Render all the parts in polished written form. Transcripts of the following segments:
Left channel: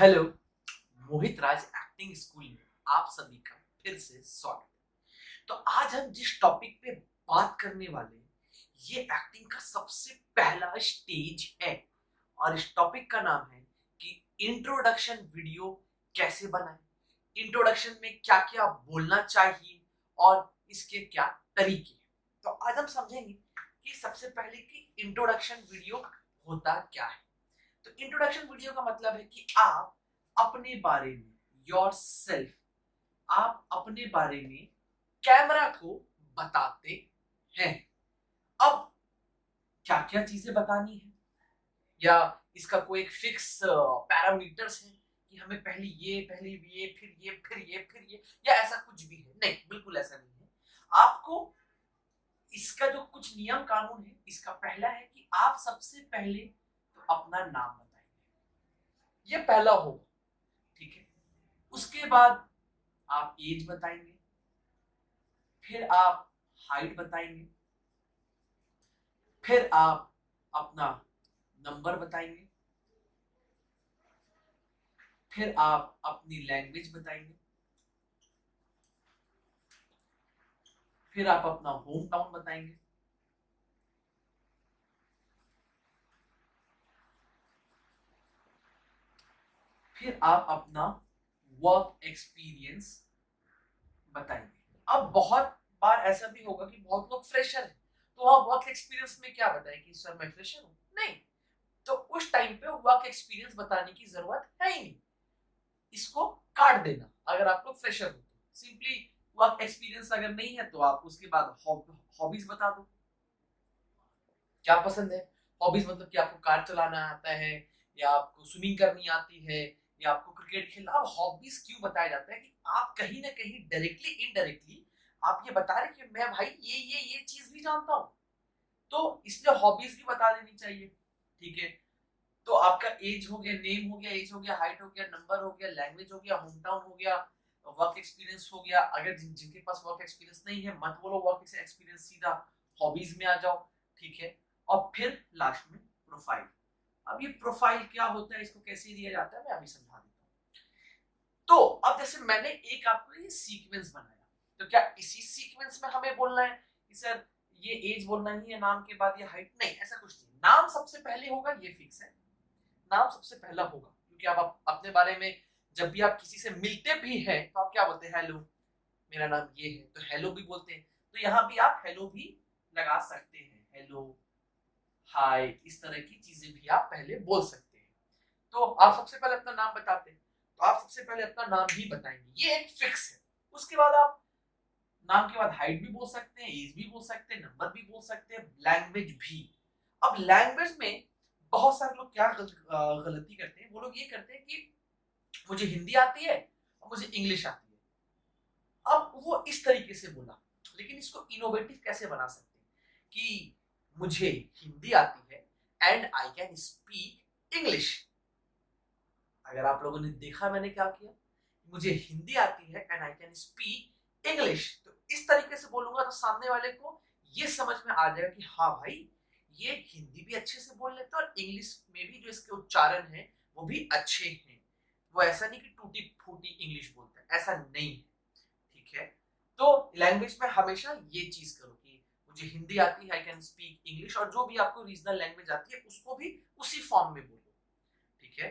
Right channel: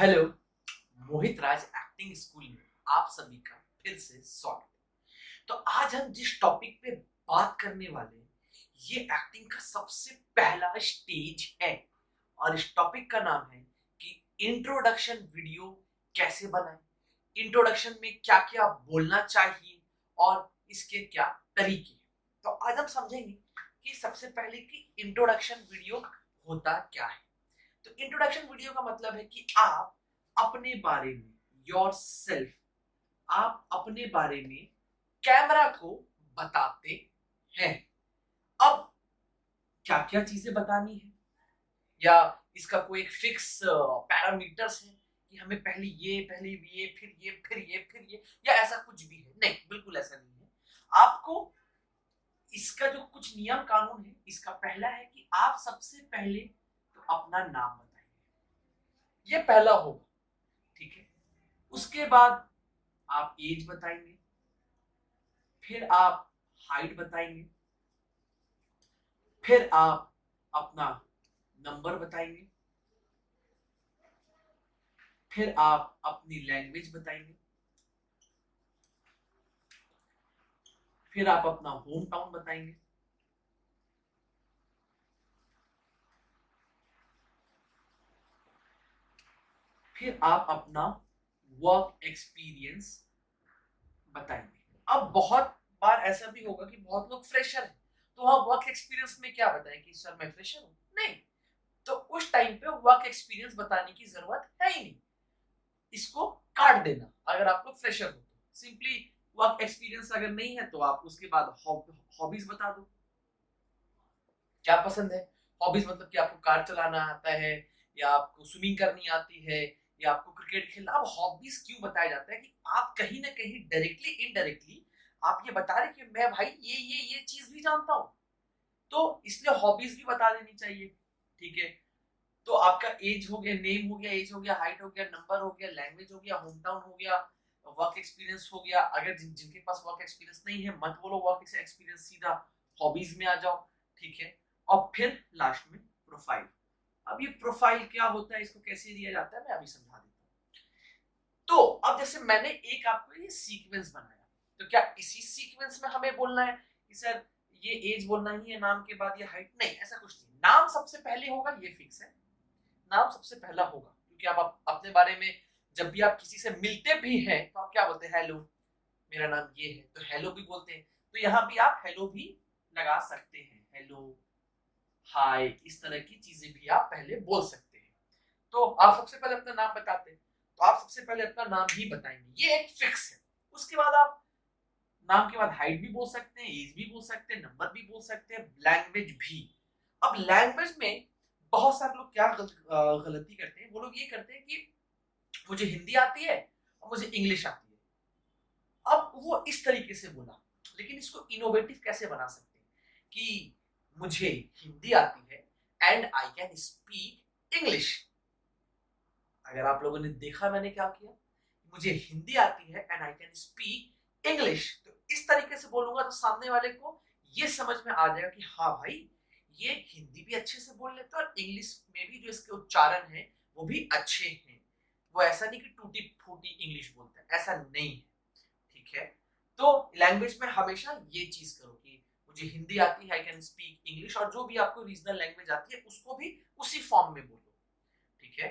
Hello. मोहित राज acting school में आप सभी का फिर से स्वागत है। तो आज हम जिस टॉपिक पे बात करने वाले हैं ये एक्टिंग का सबसे पहला स्टेज है और इस टॉपिक का नाम है कि इंट्रोडक्शन वीडियो कैसे बनाएं। इंट्रोडक्शन में क्या क्या बोलना चाहिए और इसके क्या तरीके हैं। तो आज हम समझेंगे कि सबसे पहले कि इंट्रोडक्शन वीडियो होता क्या है। तो इंट्रोडक्शन वीडियो का मतलब है कि आप अपने बारे में योर सेल्फ आप अपने बारे में कैमरा को बताते हैं। अब क्या क्या चीजें बतानी है या इसका कोई एक फिक्स पैरामीटर्स है कि हमें पहले ये फिर ये या ऐसा कुछ भी है? नहीं, बिल्कुल ऐसा नहीं है। आपको इसका जो कुछ नियम कानून है, इसका पहला है कि आप सबसे पहले तो अपना नाम बताएंगे, ये पहला होगा, ठीक है। उसके बाद आप एज बताएंगे, फिर आप हाइट बताएंगे, फिर आप अपना नंबर बताएंगे, फिर आप अपनी लैंग्वेज बताएंगे, फिर आप अपना होम टाउन बताएंगे, फिर आप अपना वर्क एक्सपीरियंस बताएंगे। अब बहुत बार ऐसा भी होगा कि बहुत लोग फ्रेशर हैं, तो वह वर्क एक्सपीरियंस में क्या बताएं कि सर मैं फ्रेशर हूं? नहीं, तो उस टाइम पे वर्क एक्सपीरियंस बताने की जरूरत है ही नहीं, इसको काट देना। अगर आप लोग फ्रेशर हो तो सिंपली वर्क एक्सपीरियंस अगर नहीं है तो आप उसके बाद हॉबीज बता दो, क्या पसंद है। हॉबीज मतलब कि आपको कार चलाना आता है या आपको स्विमिंग करनी आती है या आपको क्रिकेट खेलना। अब हॉबीज क्यों बताया जाता है कि आप कहीं ना कहीं डायरेक्टली इनडायरेक्टली आप ये बता रहे कि मैं भाई ये चीज भी जानता हूँ, तो इसलिए हॉबीज भी बता देनी चाहिए, ठीक है। तो आपका एज हो गया, नेम हो गया, एज हो गया, हाइट हो गया, नंबर हो गया, लैंग्वेज हो गया, होम टाउन हो गया, वर्क एक्सपीरियंस हो गया। अगर जिनके पास वर्क एक्सपीरियंस नहीं है मत बोलो वर्क एक्सपीरियंस, सीधा हॉबीज में आ जाओ, ठीक है। और फिर लास्ट में प्रोफाइल। अब ये प्रोफाइल क्या होता है, इसको कैसे दिया जाता है, मैं अभी समझा देता हूँ। तो अब जैसे मैंने एक आपको ये सीक्वेंस बनाया, तो क्या इसी सीक्वेंस में हमें बोलना है कि सर ये एज बोलना ही है, नाम के बाद ये हाइट? नहीं, ऐसा कुछ नहीं। नाम सबसे पहले होगा, ये फिक्स है, नाम सबसे पहला होगा, क्योंकि आप अपने बारे में जब भी आप किसी से मिलते भी हैं तो आप क्या बोलते हैं? हेलो, मेरा नाम ये है, तो हेलो भी बोलते हैं। तो यहाँ भी आप हेलो भी लगा सकते हैं, हेलो, हाय, इस तरह की चीजें भी आप पहले बोल सकते हैं। तो आप सबसे पहले अपना नाम बताते हैं, तो आप सबसे पहले अपना नाम ही बताएंगे, ये एक फिक्स है। उसके बाद आप नाम के बाद हाइट भी बोल सकते हैं, एज भी बोल सकते हैं, नंबर भी बोल सकते हैं, लैंग्वेज भी। अब लैंग्वेज में बहुत सारे लोग क्या गलती करते हैं, वो लोग ये करते हैं कि मुझे हिंदी आती है और मुझे इंग्लिश आती है। अब वो इस तरीके से बोला, लेकिन इसको इनोवेटिव कैसे बना सकते हैं कि मुझे हिंदी आती है and I can speak English. अगर आप लोगों ने देखा मैंने क्या किया, मुझे हिंदी आती है and I can speak English, तो इस तरीके से बोलूंगा तो सामने वाले को ये समझ में आ जाएगा कि हाँ भाई ये हिंदी भी अच्छे से बोल लेते हैं और इंग्लिश में भी जो इसके उच्चारण है वो भी अच्छे हैं। वो ऐसा नहीं कि टूटी फूटी इंग्लिश बोलते हैं, ऐसा नहीं है, ठीक है। तो लैंग्वेज में हमेशा ये चीज करो कि मुझे हिंदी आती है, आई कैन स्पीक इंग्लिश, और जो भी आपको रीजनल लैंग्वेज आती है उसको भी उसी फॉर्म में बोलो, ठीक है।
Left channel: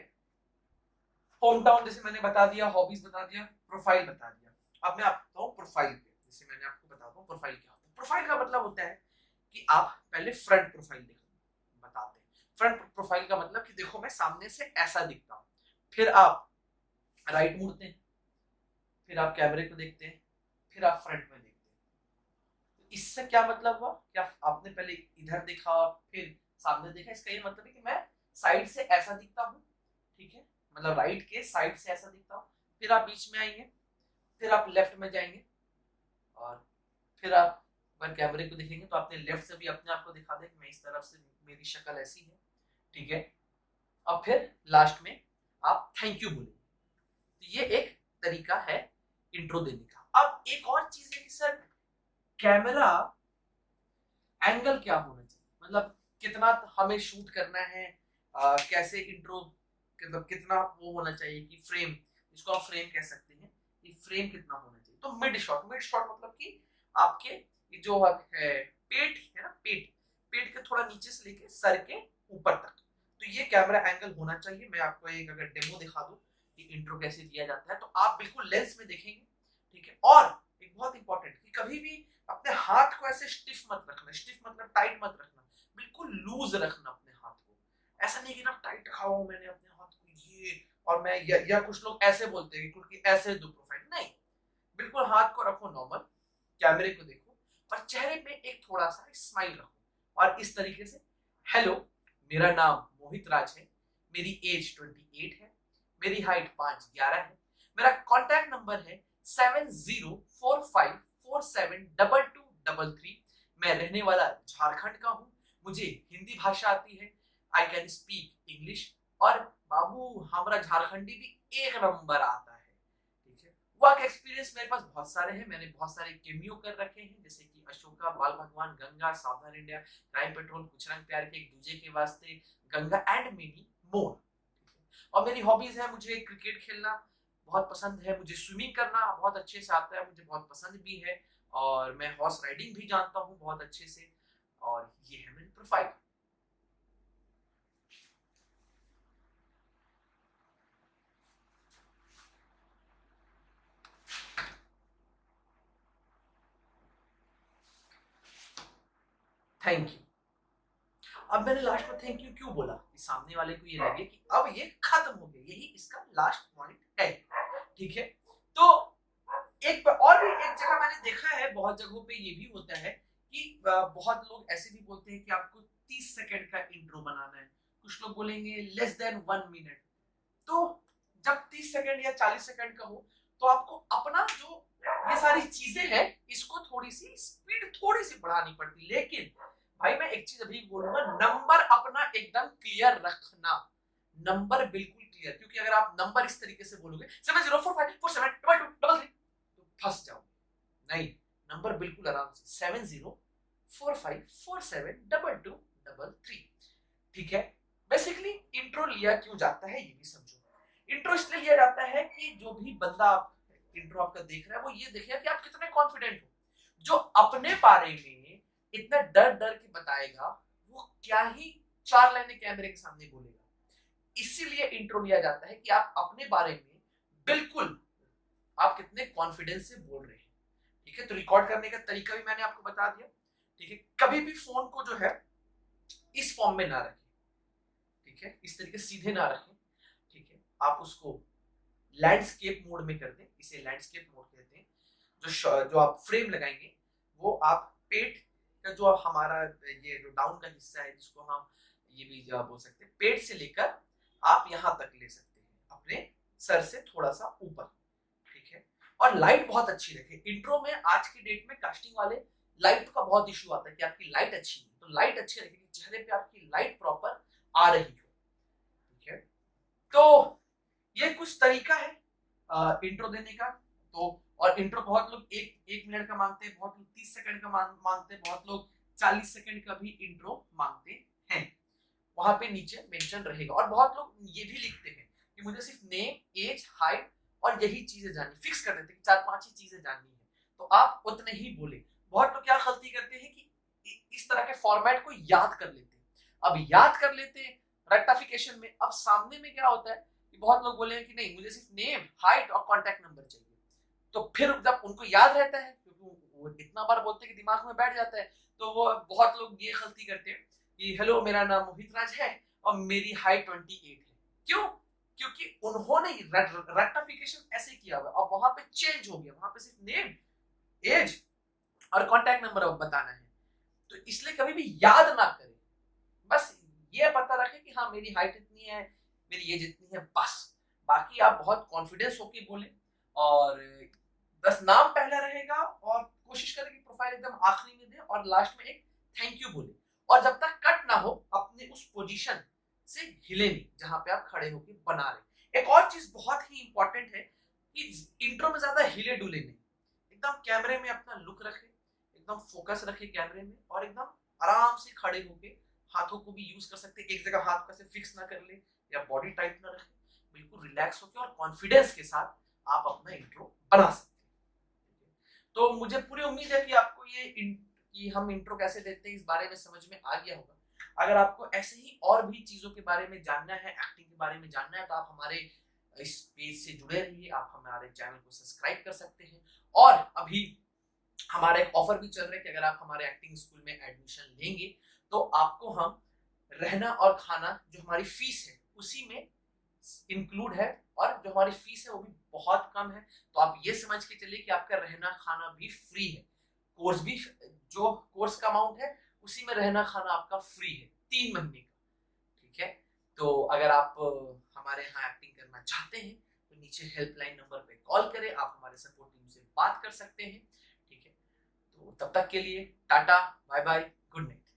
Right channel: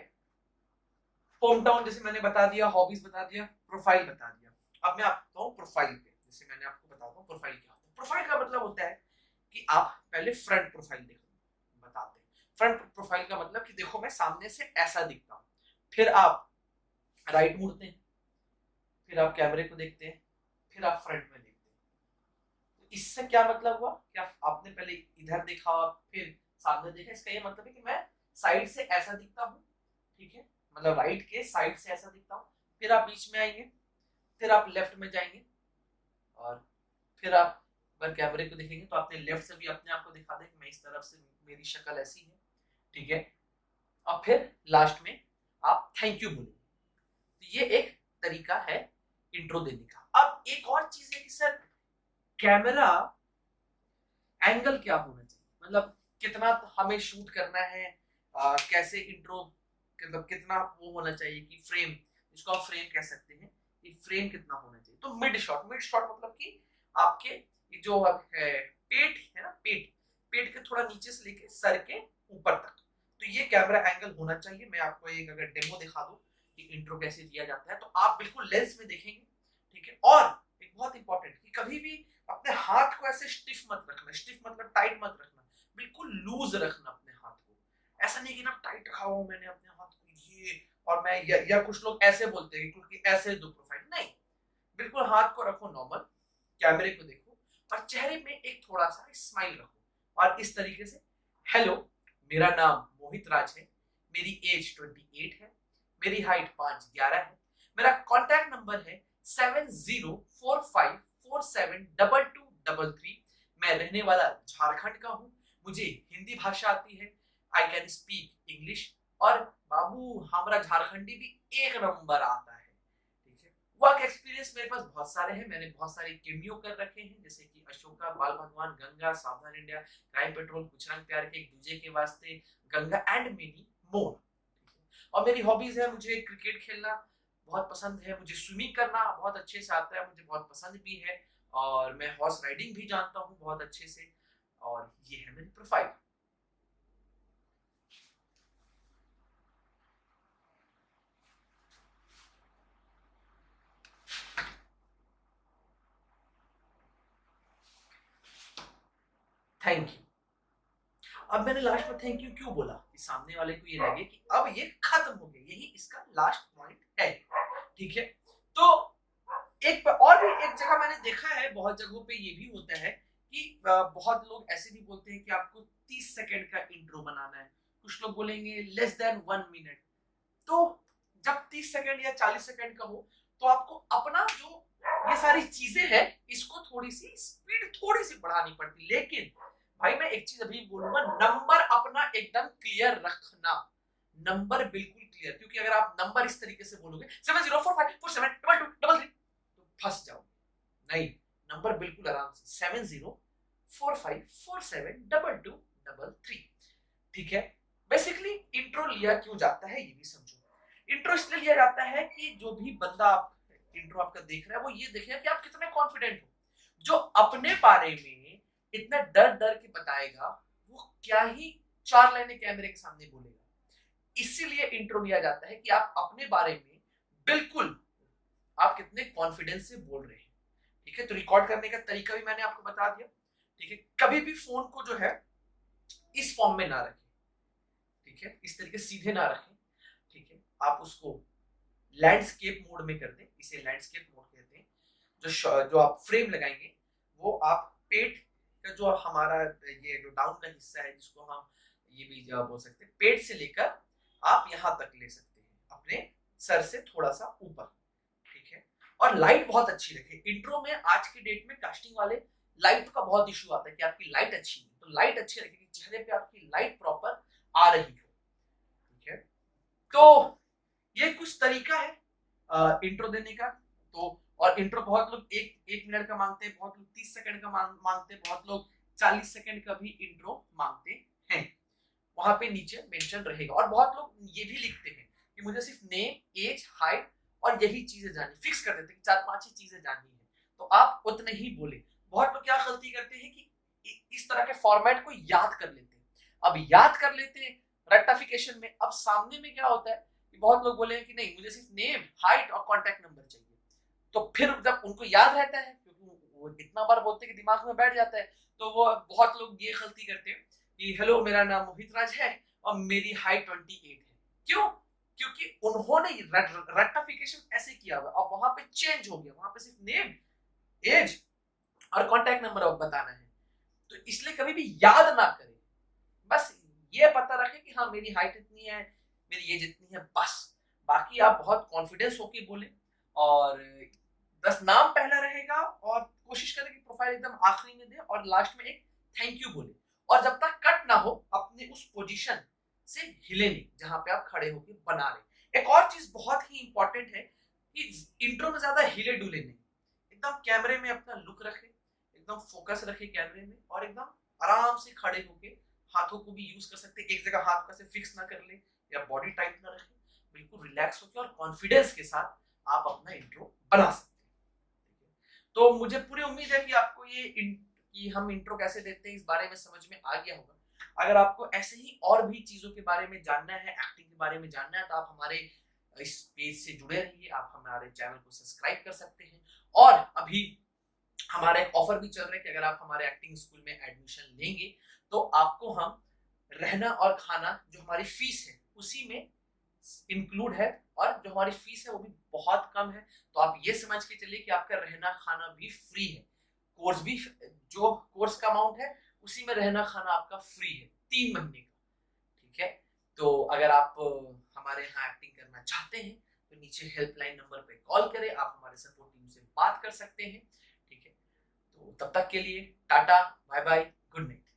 होम टाउन जैसे मैंने बता दिया, हॉबीज बता दिया, प्रोफाइल बता दिया। अब मैं आपको प्रोफाइल पे, जैसे मैंने आपको बताता हूँ प्रोफाइल क्या होता है। प्रोफाइल का मतलब होता है कि आप पहले फ्रंट प्रोफाइल देखो, बताते हैं। फ्रंट प्रोफाइल का मतलब कि देखो मैं सामने से ऐसा दिखता हूँ, फिर आप राइट मुड़ते हैं, फिर आप कैमरे को देखते हैं, फिर आप फ्रंट में देखते हैं। तो इससे क्या मतलब हुआ? क्या आपने पहले इधर देखा फिर सामने देखा? इसका ये मतलब है कि मैं साइड से ऐसा दिखता हूँ, ठीक है, मतलब राइट के साइड से ऐसा दिखता हूँ। फिर आप बीच में आएंगे, फिर आप लेफ्ट में जाएंगे, और फिर आप अगर कैमरे को देखेंगे तो अपने लेफ्ट से भी अपने आप को दिखा दे कि मैं इस तरफ से, मेरी शक्ल ऐसी है, ठीक है। अब फिर लास्ट में आप थैंक यू बोलेंगे। तो ये एक तरीका है इंट्रो देने का। अब एक और चीज है कि सर कैमरा एंगल क्या होना चाहिए, मतलब कितना हमें शूट करना है, कैसे इंट्रो मतलब कितना वो होना चाहिए कि फ्रेम, जिसको आप फ्रेम कह सकते हैं, कि फ्रेम कितना होना चाहिए। तो मिड शॉट मतलब कि आपके जो है पेट है ना, पेट के थोड़ा नीचे से लेके सर के ऊपर तक, तो ये कैमरा एंगल होना चाहिए। मैं आपको एक अगर डेमो दिखा दूं कि इंट्रो कैसे लिया जाता है, तो आप बिल्कुल लेंस में देखेंगे, ठीक है। और एक बहुत इंपॉर्टेंट कि कभी भी अपने हाथ को ऐसे स्टिफ मत रखना, स्टिफ मतलब टाइट मत रखना, बिल्कुल लूज रखना अपने हाथ को। ऐसा नहीं कि ना टाइट रखा हुआ मैंने अपने हाथ को ये, और मैं या कुछ लोग ऐसे बोलते हैं क्योंकि ऐसे दो प्रोफाइल नहीं, बिल्कुल हाथ को रखो नॉर्मल, कैमरे को देखो और चेहरे में एक थोड़ा सा स्माइल रखो और इस तरीके से, हेलो मेरा नाम मोहित राज है, मेरी एज 28 है, मेरी हाइट 5'11" है, मेरा कॉन्टैक्ट नंबर है 7045472233, मैं रहने वाला झारखंड का हूँ, मुझे हिंदी भाषा आती है, आई कैन स्पीक इंग्लिश, और बाबू हमारा झारखंडी भी एक नंबर आता है। वर्क एक्सपीरियंस मेरे पास बहुत सारे हैं, मैंने बहुत सारे केमियो कर रखे हैं, जैसे कि अशोका, बाल भगवान, गंगा, सावधान इंडिया, क्राइम पेट्रोल, कुछ रंग प्यार के, एक दूजे के वास्ते, गंगा एंड मेनी मोर। और मेरी हॉबीज है, मुझे क्रिकेट खेलना बहुत पसंद है, मुझे स्विमिंग करना बहुत अच्छे से आता है, मुझे बहुत पसंद भी है, और मैं हॉर्स राइडिंग भी जानता हूँ बहुत अच्छे से। और ये है मेरी प्रोफाइल। Thank you. अब मैंने लास्ट में थैंक यू क्यों बोला कि सामने वाले को ये लगे कि अब ये खत्म हो गया, यही इसका लास्ट पॉइंट है, ठीक है। तो एक और भी एक जगह मैंने देखा है, बहुत जगहों पे ये भी होता है कि बहुत लोग ऐसे भी बोलते हैं कि आपको 30 सेकंड का इंट्रो बनाना है, कुछ लोग बोलेंगे लेस देन 1 मिनट। तो जब 30 सेकंड या 40 सेकंड का हो, तो आपको अपना जो ये सारी चीजें हैं, इसको थोड़ी सी स्पीड थोड़ी सी बढ़ानी पड़ती। लेकिन भाई मैं एक चीज अभी बोलूंगा, नंबर अपना एकदम क्लियर रखना, नंबर बिल्कुल क्लियर, क्योंकि अगर आप नंबर इस तरीके से बोलोगे 7045472233, तो फंस जाओगे। नहीं, नंबर बिल्कुल आराम से 7045472233, ठीक है। बेसिकली इंट्रो लिया क्यों जाता है ये भी समझो। इंट्रो इसलिए लिया जाता है कि जो भी बंदा इंट्रो आपका देख रहा है, वो ये देखेगा कि आप कितने कॉन्फिडेंट हो। जो अपने बारे में इतना डर डर के बताएगा, वो क्या ही 4 लाइनें कैमरे के सामने बोलेगा। इसीलिए इंट्रो लिया जाता है कि आप अपने बारे में बिल्कुल आप कितने कॉन्फिडेंस से बोल रहे हैं, ठीक है। तो रिकॉर्ड करने का तरीका भी मैंने आपको बता दिया, ठीक है। कभी भी फोन को जो है इस फॉर्म में ना रखें, ठीक है, इस तरीके सीधे ना रखें, ठीक है। आप उसको लैंडस्केप मोड में कर दें, इसे लैंडस्केप मोड कहते हैं। जो आप फ्रेम लगाएंगे, वो आप पेट का जो हमारा ये जो डाउन का हिस्सा है, जिसको हम ये भी बोल सकते हैं, पेट से लेकर आप यहां तक ले सकते हैं, अपने सर से थोड़ा सा ऊपर, ठीक है। और लाइट बहुत अच्छी रखें। इंट्रो में आज की डेट में कास्टिंग वाले लाइट का बहुत इशू आता है कि आपकी लाइट अच्छी है, तो लाइट अच्छी रखें, चेहरे पे आपकी लाइट प्रॉपर आ रही हो, ठीक है। तो ये कुछ तरीका है इंट्रो देने का। तो और इंट्रो बहुत लोग एक मिनट का मांगते हैं, बहुत लोग 30 सेकंड का मांगते हैं, बहुत लोग 40 सेकंड का भी इंट्रो मांगते हैं। वहां पे नीचे मेंशन रहेगा। और बहुत लोग ये भी लिखते हैं कि मुझे सिर्फ नेम, एज, हाइट और यही चीजें जाननी, फिक्स कर देते हैं कि 4-5 ही चीजें जाननी है, तो आप उतने ही बोले। बहुत लोग क्या गलती करते हैं कि इस तरह के फॉर्मेट को याद कर लेते हैं। अब याद कर लेते हैं रेक्टिफिकेशन में, अब सामने में क्या होता है कि बहुत लोग बोले कि नहीं मुझे सिर्फ नेम, हाइट और कॉन्टैक्ट नंबर चाहिए। तो फिर जब उनको याद रहता है, क्योंकि वो इतना बार बोलते हैं कि दिमाग में बैठ जाता है, तो वो बहुत लोग ये गलती करते हैं कि हेलो मेरा नाम मोहित राज है और मेरी हाइट 28 है। क्यों? क्योंकि उन्होंने रेक्टिफिकेशन ऐसे किया हुआ, अब वहां पे चेंज हो गया, वहां पे सिर्फ नेम, एज और कॉन्टैक्ट नंबर अब बताना है। तो इसलिए कभी भी याद ना करें, बस ये पता रखें कि हाँ मेरी हाइट इतनी है, मेरी एज इतनी है, बस। बाकी आप बहुत कॉन्फिडेंस होके बोले, और बस नाम पहला रहेगा, और कोशिश करें कि प्रोफाइल एकदम आखिरी में दे, और लास्ट में एक थैंक यू बोले। और जब तक कट ना हो, अपने उस पोजीशन से हिले नहीं जहां पे आप खड़े होकर बना रहे। एक और चीज बहुत ही इंपॉर्टेंट है कि इंट्रो में ज्यादा हिले डुले नहीं, एकदम कैमरे में अपना लुक रखे, एकदम फोकस रखे कैमरे में, और एकदम आराम से खड़े होके हाथों को भी यूज कर सकते हैं, एक जगह हाथ कैसे फिक्स ना कर ले या बॉडी टाइट ना रखे, बिल्कुल रिलैक्स होकर और कॉन्फिडेंस के साथ आप अपना इंट्रो बना सकते हैं। तो मुझे पूरी उम्मीद है कि आपको कि हम इंट्रो कैसे देते हैं इस बारे में समझ में आ गया होगा। अगर आपको ऐसे ही और भी चीजों के बारे में जानना है, एक्टिंग के बारे में जानना है, तो आप हमारे इस पेज से जुड़े रहिए, आप हमारे चैनल को सब्सक्राइब कर सकते हैं। और अभी हमारा एक ऑफर भी चल रहा है कि अगर आप हमारे एक्टिंग स्कूल में एडमिशन लेंगे तो आपको हम रहना और खाना जो हमारी फीस है उसी में इंक्लूड है, और जो हमारी फीस है वो भी बहुत कम है। तो आप ये समझ के चलिए कि आपका रहना खाना भी फ्री है, कोर्स भी, जो कोर्स का अमाउंट है उसी में रहना खाना आपका फ्री है 3 महीने का। ठीक है, तो अगर आप हमारे यहाँ एक्टिंग करना चाहते हैं तो नीचे हेल्पलाइन नंबर पे कॉल करें, आप हमारे सपोर्ट टीम से बात कर सकते हैं। ठीक है, तो तब तक के लिए tata, bye bye, good night.